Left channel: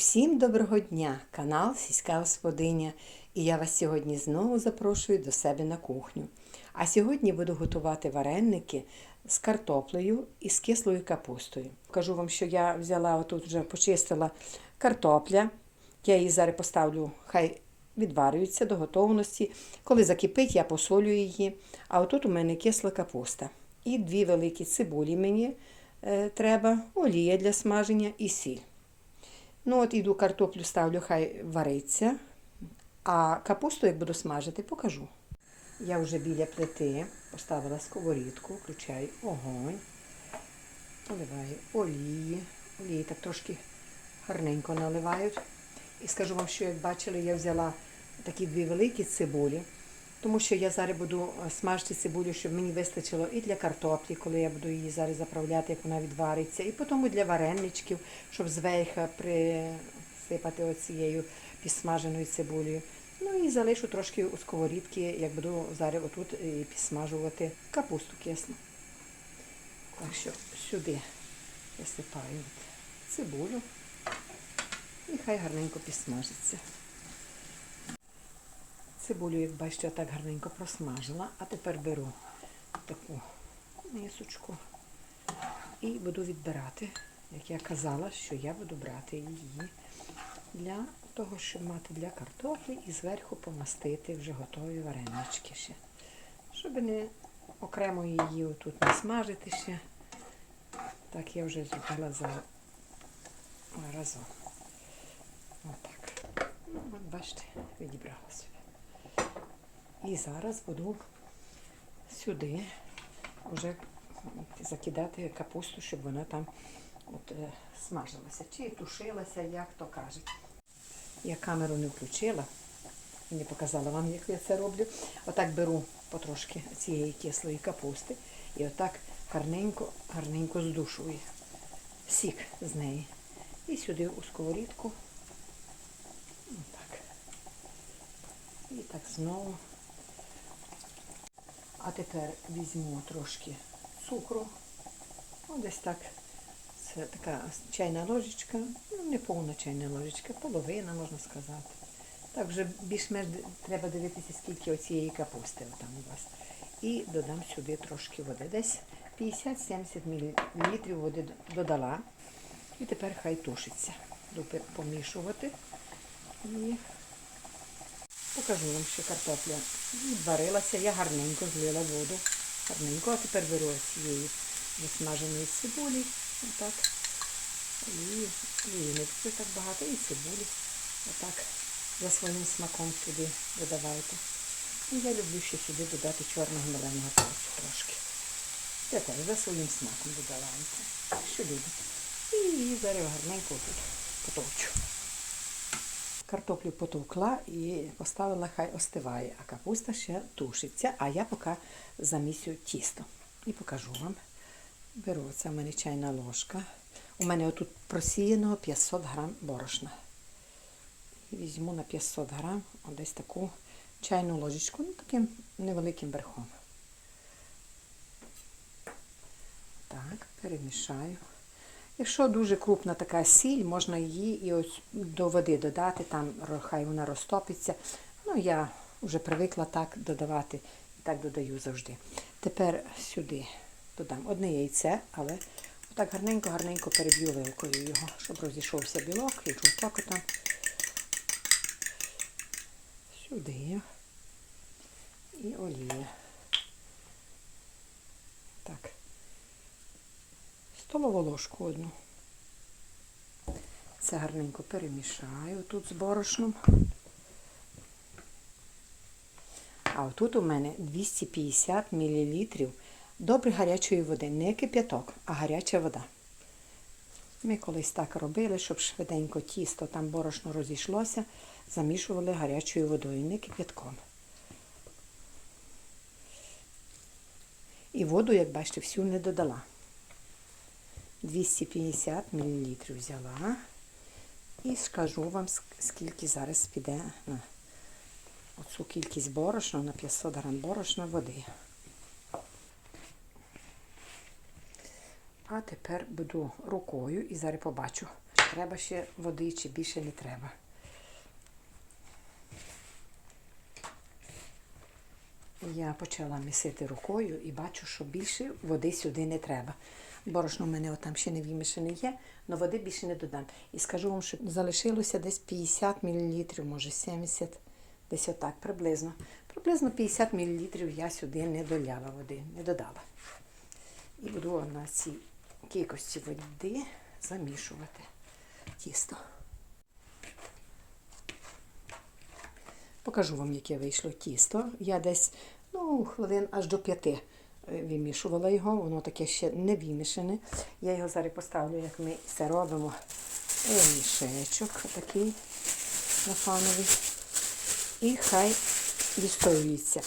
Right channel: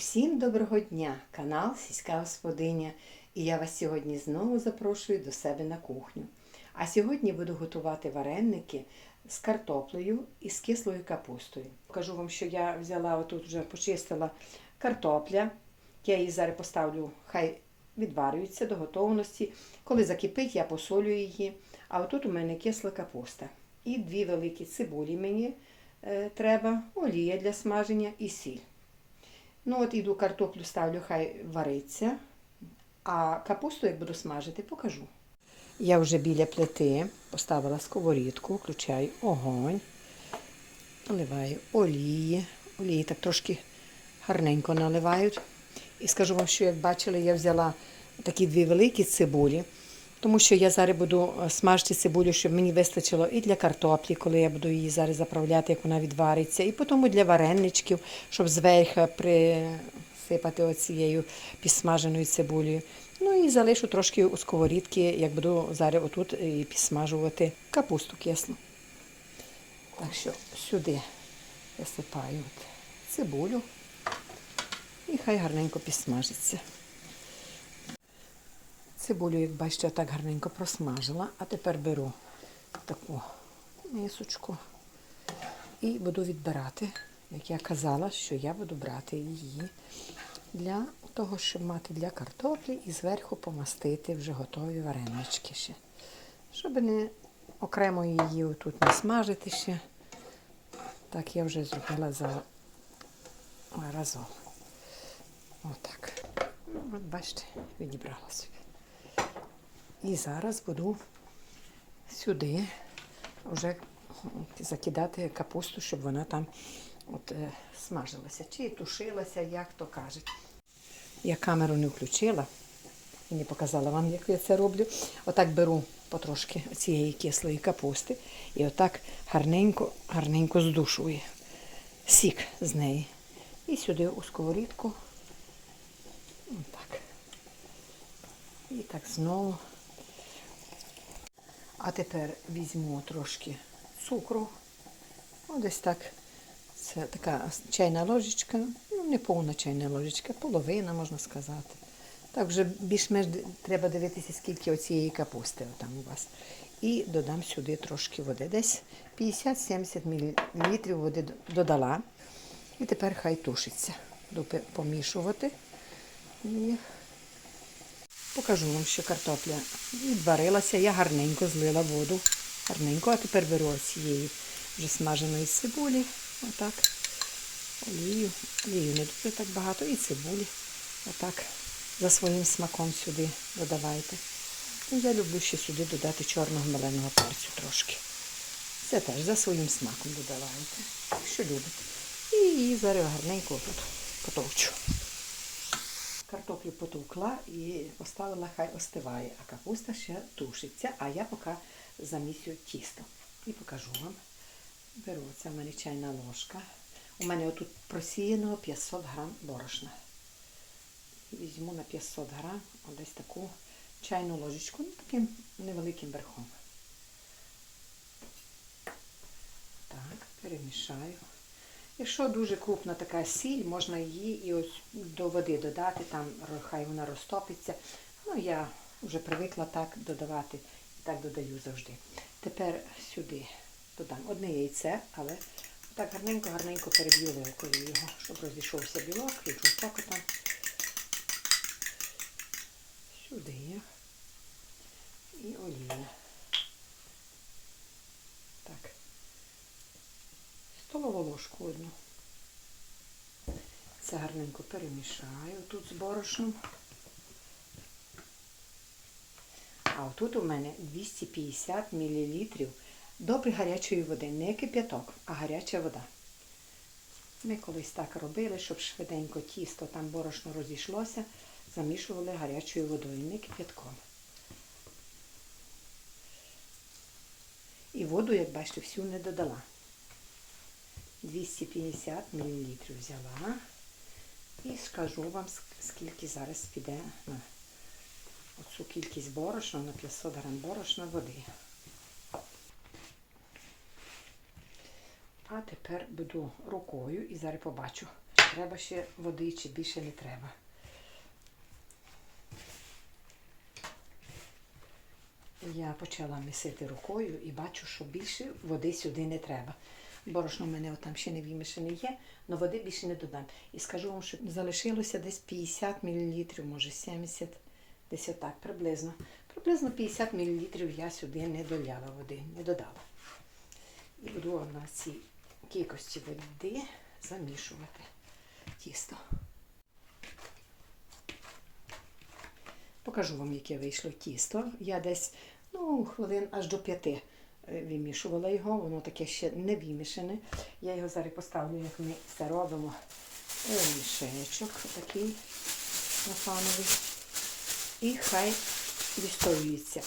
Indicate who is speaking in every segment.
Speaker 1: Усім доброго дня! Канал Сільська Господиня. І я вас сьогодні знову запрошую до себе на кухню. А сьогодні буду готувати вареники з картоплею і з кислою капустою. Кажу вам, що я взяла отут вже почистила картопля. Я її зараз поставлю, хай відварюється до готовності. Коли закипить, я посолю її. А отут у мене кисла капуста. І дві великі цибулі мені е, треба, олія для смаження і сіль. Ну, от іду картоплю ставлю, хай вариться. А капусту, як буду смажити, покажу. Я вже біля плити поставила сковорідку, включаю огонь, наливаю олії. Олії так трошки гарненько наливають. І скажу вам, що як бачили, я взяла такі дві великі цибулі, тому що я зараз буду смажити цибулю, щоб мені вистачило і для картоплі, коли я буду її зараз заправляти, як вона відвариться, і потім для вареничків, щоб зверху присипати оцією підсмаженою цибулею. Ну і залишу трошки у сковорідки, як буду зараз отут і підсмажувати капусту кислу. Так що сюди висипаю цибулю і хай гарненько підсмажиться. Цибулю, як бачите, я так гарненько просмажила, а тепер беру таку мисочку і буду відбирати, як я казала, що я буду брати її для того, щоб мати для картоплі і зверху помастити вже готові варенички ще. Щоб не окремо її тут не смажити ще. Так я вже зробила за разом. Отак. От бачите, відібрала собі. І зараз буду сюди вже закидати капусту, щоб вона там от, е, смажилася. Чи тушилася, як то кажуть. Я камеру не включила і не показала вам, як я це роблю. Отак беру потрошки цієї кислої капусти і отак гарненько, гарненько здушую сік з неї. І сюди у сковорідку. Отак. І так знову. А тепер візьму трошки цукру. Ну, десь так. Це така чайна ложечка, ну не повна чайна ложечка, половина, можна сказати. Так вже більш-менш треба дивитися, скільки оцієї капусти там у вас. І додам сюди трошки води. Десь 50-70 мл води додала. І тепер хай тушиться. Помішувати. Покажу вам, що картопля відварилася. Я гарненько злила воду. Гарненько. А тепер беру цієї вже смаженої цибулі. Отак. Олію. Олію не дуже так багато. І цибулі. Отак. За своїм смаком сюди додавайте. І я люблю ще сюди додати чорного меленого перцю трошки. Це теж за своїм смаком додавайте. Що любите. І її зараз гарненько тут потовчу. Картоплю потовкла і поставила, хай остиває, а капуста ще тушиться, а я поки замісю тісто. І покажу вам. Беру, це в мене чайна ложка. У мене отут просіяно 500 грам борошна. Візьму на 500 грам десь таку чайну ложечку, ну таким невеликим верхом. Так, перемішаю. Якщо дуже крупна така сіль, можна її і ось до води додати, там хай вона розтопиться. Ну, я вже привикла так додавати і так додаю завжди. Тепер сюди додам одне яйце, але так гарненько-гарненько переб'ю вилкою його, щоб розійшовся білок і жовток там. Сюди. І олія. Так. Столову ложку. Це гарненько перемішаю тут з борошном. А отут у мене 250 мл добре гарячої води. Не кип'яток, а гаряча вода. Ми колись так робили, щоб швиденько тісто, там борошно розійшлося, замішували гарячою водою, не кип'ятком. І воду, як бачите, всю не додала. 250 мл взяла. І скажу вам, скільки зараз піде на оцю кількість борошна, на 500 грам борошна води. А тепер буду рукою і зараз побачу, треба ще води, чи більше не треба. Я почала місити рукою і бачу, що більше води сюди не треба. Борошно в мене там ще не вимішане є, але води більше не додам. І скажу вам, що залишилося десь 50 мл, може 70, десь отак приблизно. Приблизно 50 мл я сюди не доляла води, не додала. І буду на цій кількості води замішувати тісто. Покажу вам, яке вийшло тісто. Я десь ну, хвилин аж до п'яти е, вимішувала його, воно таке ще не вимішане. Я його зараз поставлю, як ми це робимо. Е, Мішечок такий нафановий. І хай відстоюється.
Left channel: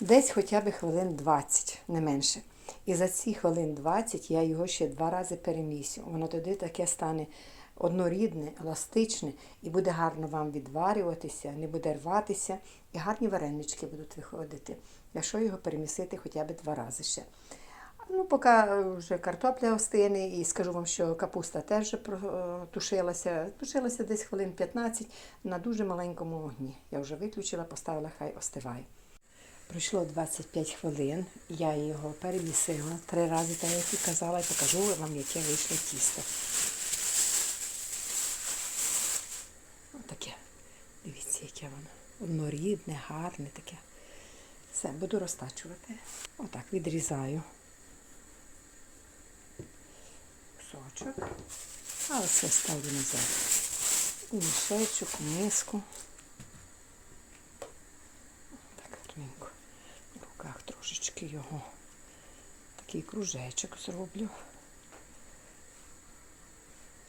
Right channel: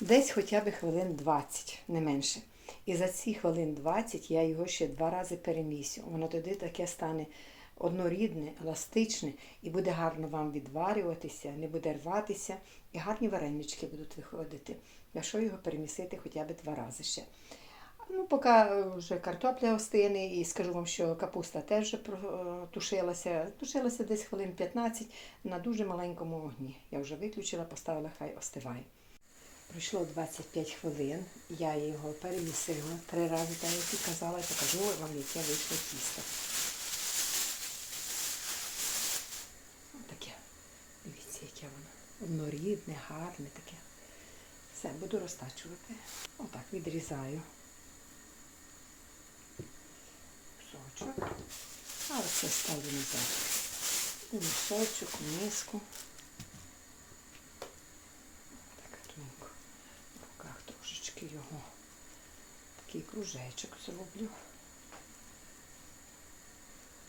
Speaker 1: Десь хоча б хвилин 20, не менше. І за ці хвилин 20 я його ще два рази перемісю. Воно тоді таке стане однорідне, еластичне і буде гарно вам відварюватися, не буде рватися, і гарні варенички будуть виходити, якщо його перемісити хоча б два рази ще. Ну, поки вже картопля остине, і скажу вам, що капуста теж вже тушилася. Тушилася десь хвилин 15 на дуже маленькому вогні. Я вже виключила, поставила, хай остиває. Пройшло 25 хвилин, я його перемісила три рази, тому як і казала, і покажу вам, яке вийшло тісто. Таке. Дивіться, яке воно. Однорідне, гарне таке. Все, буду розтачувати. Отак відрізаю кусочок. А оце ставлю назад. У мішечок, у миску. Так, тоненько. В руках трошечки його. Такий кружечок зроблю.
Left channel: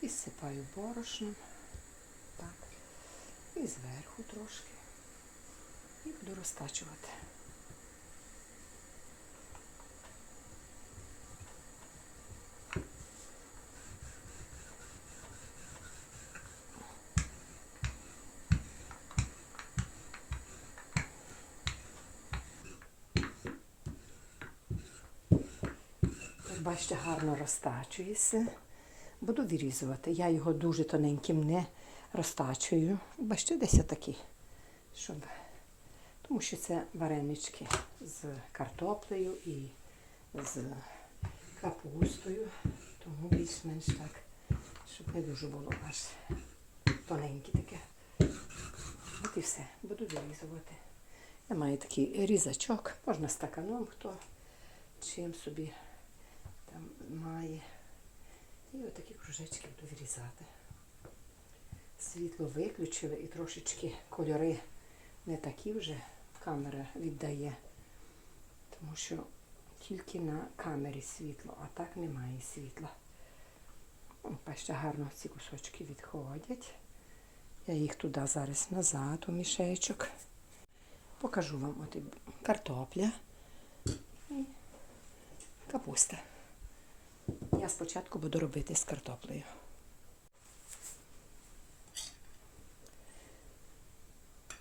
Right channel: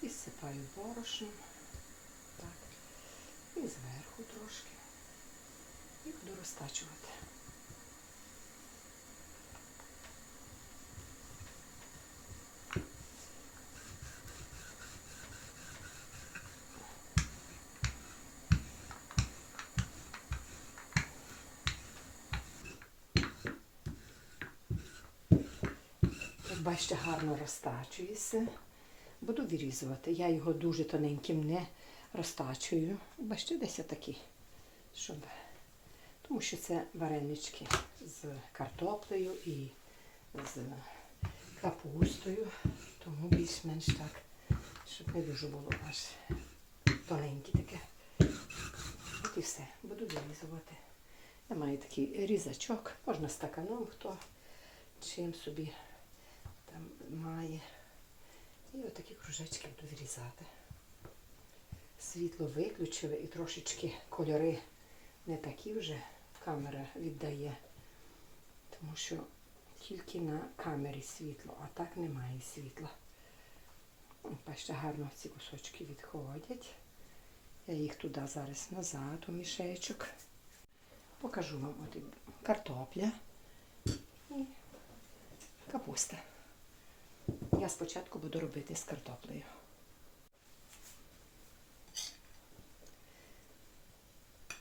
Speaker 1: І сипаю борошном. Так. І зверху трошки. І буду розтачувати. Бачите, гарно розтачується. Буду вирізувати. Я його дуже тоненьким не розтачую. Бачите, десь отакий. Щоб... Тому що це варенички з картоплею і з капустою. Тому більш-менш так, щоб не дуже було аж тоненьке таке. От і все. Буду вирізувати. Я маю такий різачок, можна стаканом, хто чим собі має. І отакі кружечки буду вирізати. Світло виключили і трошечки кольори не такі вже камера віддає, тому що тільки на камері світло, а так немає світла. Бачите, гарно ці кусочки відходять. Я їх туди зараз назад у мішечок. Покажу вам от картопля і капуста. Я спочатку буду робити з картоплею.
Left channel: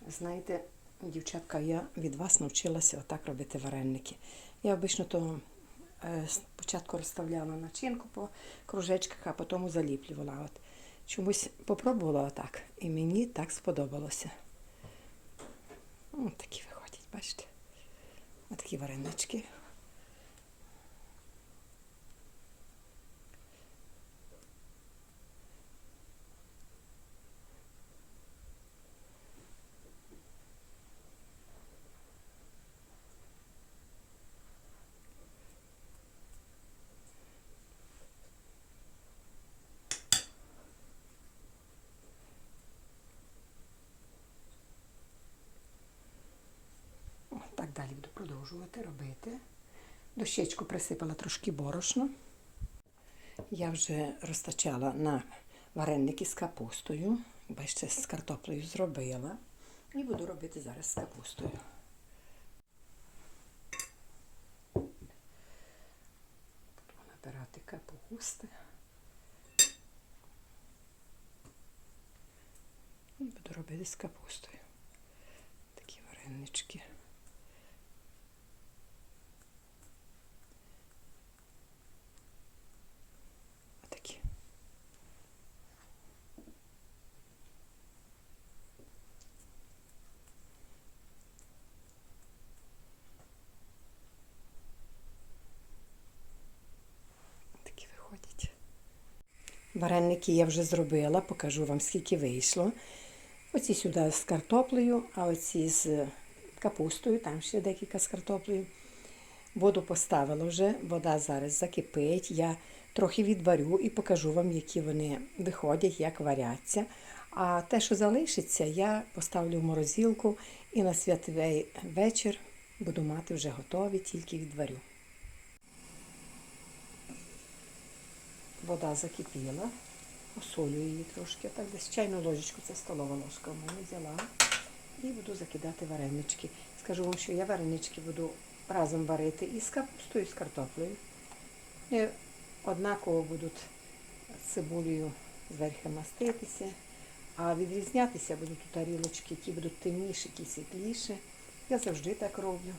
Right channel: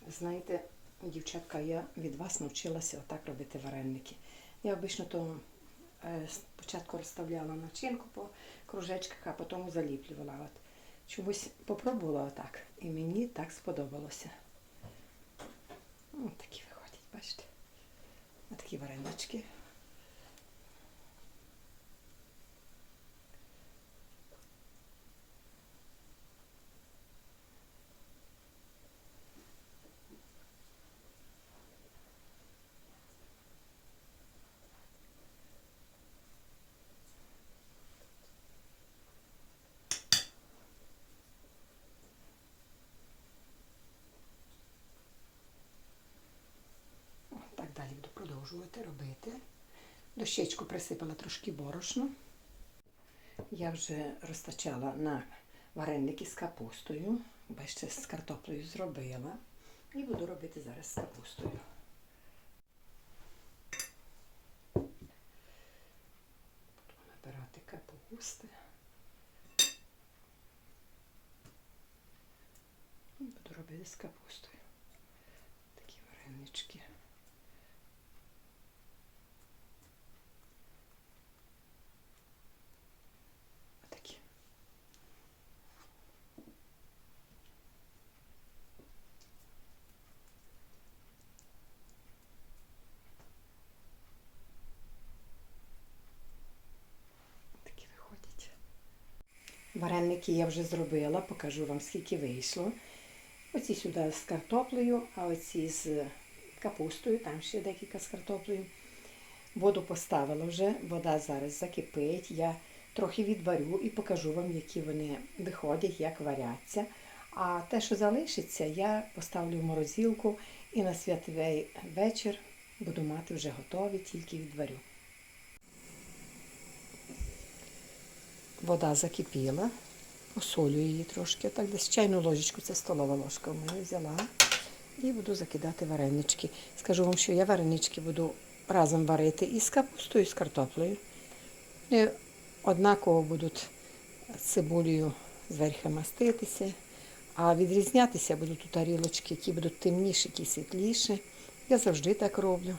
Speaker 1: Знаєте, дівчатка, я від вас навчилася отак робити вареники. Я обично то е, спочатку розставляла начинку по кружечках, а потім заліплювала. От. Чомусь попробувала отак, і мені так сподобалося. Ось такі виходять, бачите? Ось такі варенички. О, Так далі буду продовжувати робити. Дощечку присипала трошки борошно. Я вже розтачала на вареники з капустою. Бачите, з картоплею зробила. І буду робити зараз з капустою. Буду набирати капусти. І буду робити з капустою. Такі варенички. Отакі. Вареники я вже зробила, покажу вам, скільки вийшло. Оці сюди з картоплею, а оці з капустою, там ще декілька з картоплею. Воду поставила вже, вода зараз закипить. Я трохи відварю і покажу вам, які вони виходять, як варяться. А те, що залишиться, я поставлю в морозилку і на святий вечір буду мати вже готові, тільки відварю. Вода закипіла, посолю її трошки. Так десь чайну ложечку, це столова ложка в мене взяла. І буду закидати варенички. Скажу вам, що я варенички буду разом варити і з капустою, і з картоплею. І однаково будуть з цибулею зверху маститися, а відрізнятися будуть у тарілочки, які будуть темніші, які світліші. Я завжди так роблю.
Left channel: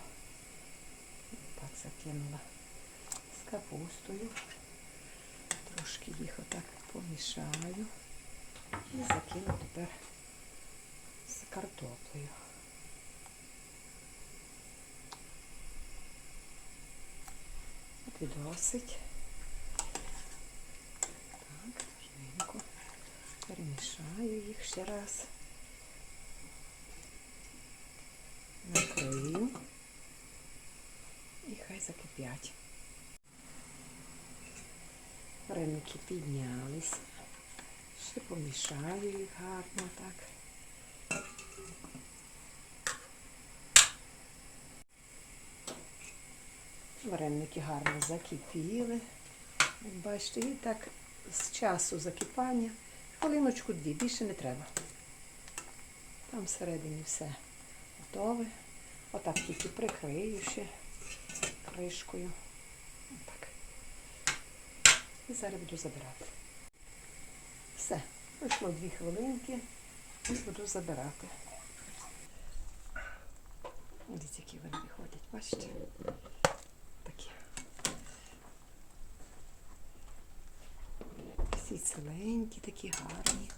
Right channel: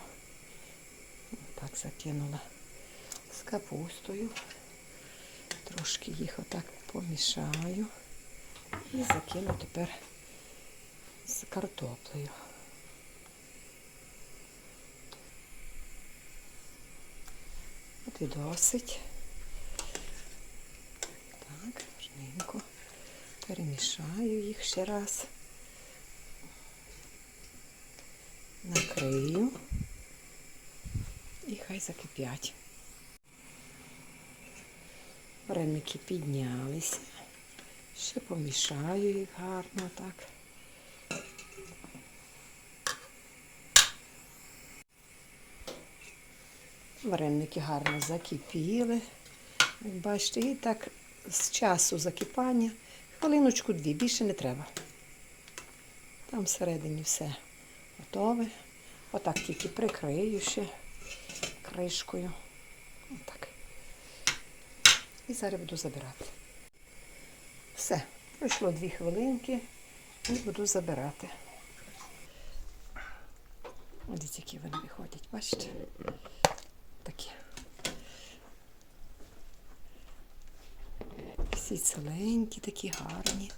Speaker 1: Так закинула з капустою. Трошки їх отак помішаю і закину тепер з картоплею. От і досить. Так, гарненько. Перемішаю їх ще раз. Накрию. І хай закипять. Вареники піднялися. Ще помішаю їх гарно так. Вареники гарно закипіли. Як Бачите, і так з часу закипання хвилиночку дві, більше не треба. Там всередині все готове. Отак тільки прикрию ще кришкою. Отак. І зараз буду забирати. Все, пройшло дві хвилинки і буду забирати. Дивіться, які вони виходять, бачите? Такі. Всі ціленькі, такі гарні.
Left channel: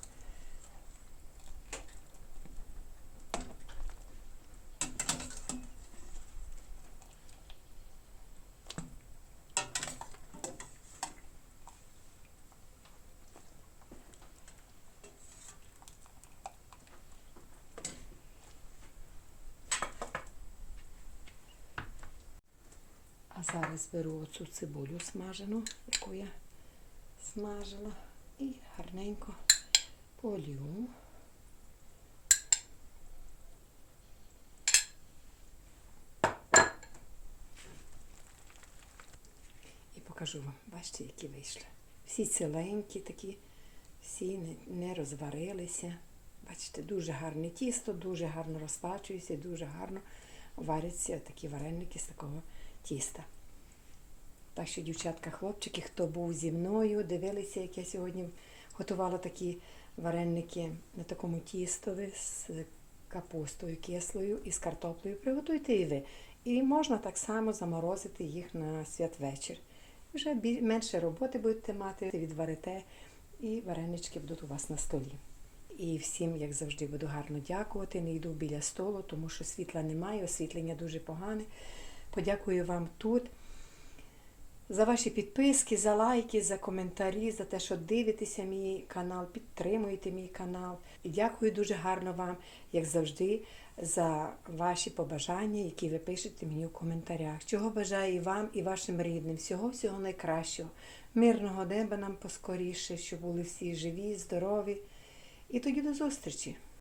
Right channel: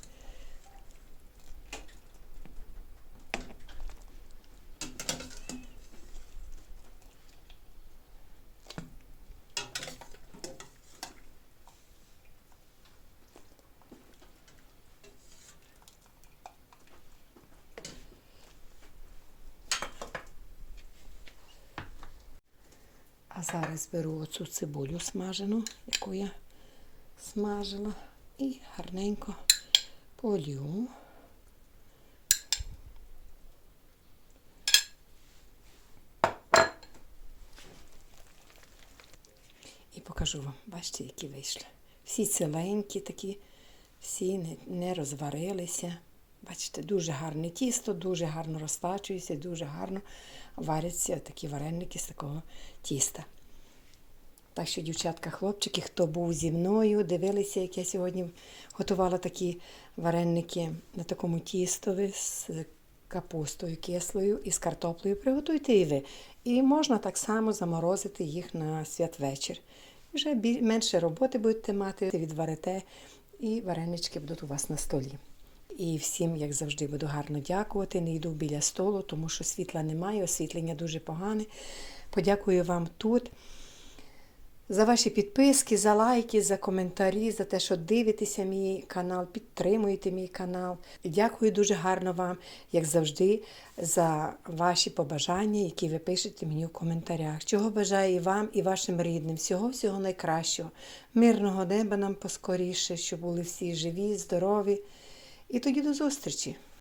Speaker 1: Зараз беру оцю цибулю смажену, яку я смажила, і гарненько полю. І покажу вам, бачите, які вийшли. Всі ціленькі такі, всі не, не розварилися. Бачите, дуже гарне тісто, дуже гарно розтачується, дуже гарно варяться такі вареники з такого тіста. Так що, дівчатка, хлопчики, хто був зі мною, дивилися, як я сьогодні готувала такі вареники на такому тістові з капустою кислою і з картоплею. Приготуйте і ви. І можна так само заморозити їх на святвечір. Вже менше роботи будете мати, відварите, і варенички будуть у вас на столі. І всім, як завжди, буду гарно дякувати. Не йду біля столу, тому що світла немає, освітлення дуже погане. Подякую вам тут за ваші підписки, за лайки, за коментарі, за те, що дивитеся мій канал, підтримуєте мій канал. Дякую дуже гарно вам, як завжди, за ваші побажання, які ви пишете мені в коментарях. Чого бажаю і вам, і вашим рідним. Всього всього найкращого. Мирного неба нам поскоріше, щоб були всі живі, здорові. І тоді до зустрічі!